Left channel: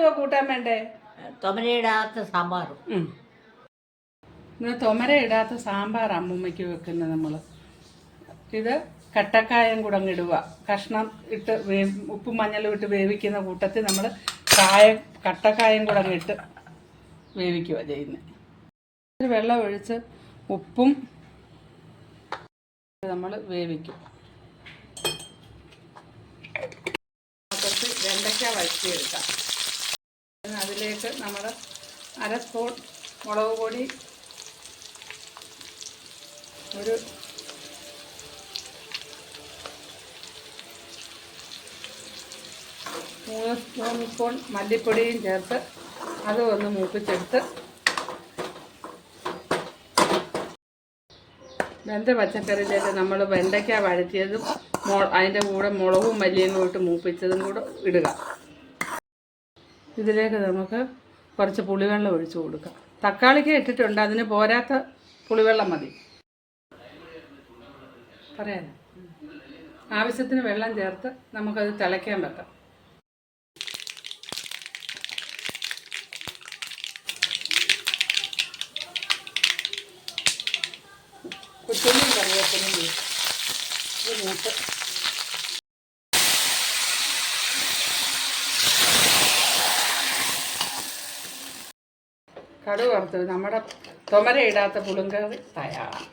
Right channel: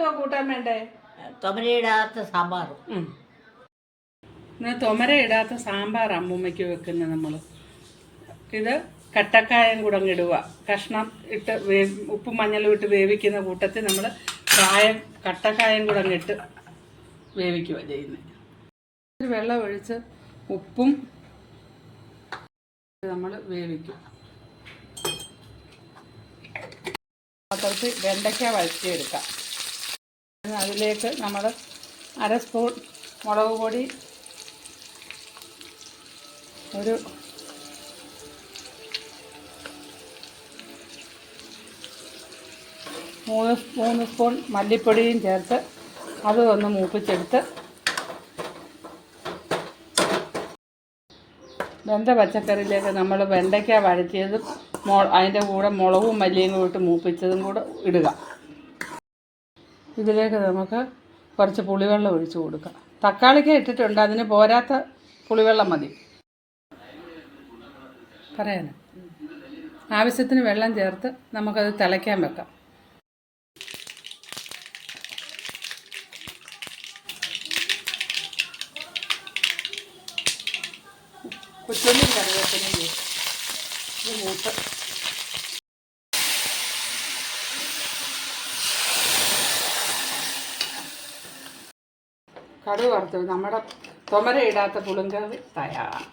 എന്തുവാ കൂട്ടാൻ വേണ്ടേ? തൊമരയിടാത്ത സാമ്പാറും. ഇന്ന് തൊമര ഇടാത്ത സാമ്പാർ അമ്മൂമ്മയ്ക്ക് വെക്കുന്ന നമ്മൾ ഇത് കട്ടക്കായം കൂടെ അങ്ങ് ഇടുക. കഷ്ണം ഇട്ട് ഉപ്പും മഞ്ഞളും ഇട്ട് വേവിക്കുന്ന കൂട്ടത്തിൽ നമ്മൾ കായം കട്ടക്കായം കൂടെ അങ്ങ് ഇട്ട് വേവിക്കുക ചെയ്യുന്നത് വെള്ളം ഒഴിച്ച് ഉപ്പും നമ്മൾ വേവിക്കും. കുറച്ച് വെണ്ടയ്ക്ക വഴറ്റിയെടുക്കാം. അതിലേക്ക് നമ്മൾ അര സ്പൂൺ മുളക് പൊടി ഒരു മൂന്ന് മൂന്ന് സ്പൂൺ മല്ലിപ്പൊടിയും ചേർത്ത് അത് ഒന്ന് മൂപ്പിച്ചെടുത്ത് വെന്ത പച്ചക്കറിയിലേക്ക് നമ്മൾ വെണ്ടയ്ക്ക വഴറ്റിയതും മൊ അതിന്റെ കൂടെ മുളകും മല്ലിയും കൂടി ഇട്ട് മൂപ്പിച്ചതും കൂടെ ഇടുക. ഇതിലേക്ക് നമുക്ക് കുറച്ച് പുളിവെള്ളം ഒഴിച്ചു കൊടുക്കാം. തക്കാളിക്ക് ഇട്ടിട്ടുണ്ട് അതിന് പോരാത്ത പുളിവെള്ളം മതി. പറയാനോ ആവശ്യത്തിന് വെള്ളം ചേർത്ത് നമുക്കത് തിളയ്ക്കാൻ വെക്കാം. കൊച്ചുള്ളിയും കറിവേപ്പിനും ഇത് കടുക് വറുത്തത് നമ്മുടെ തൊമര ഇടാത്ത പുളുങ്കറി തയ്യാറാണ്.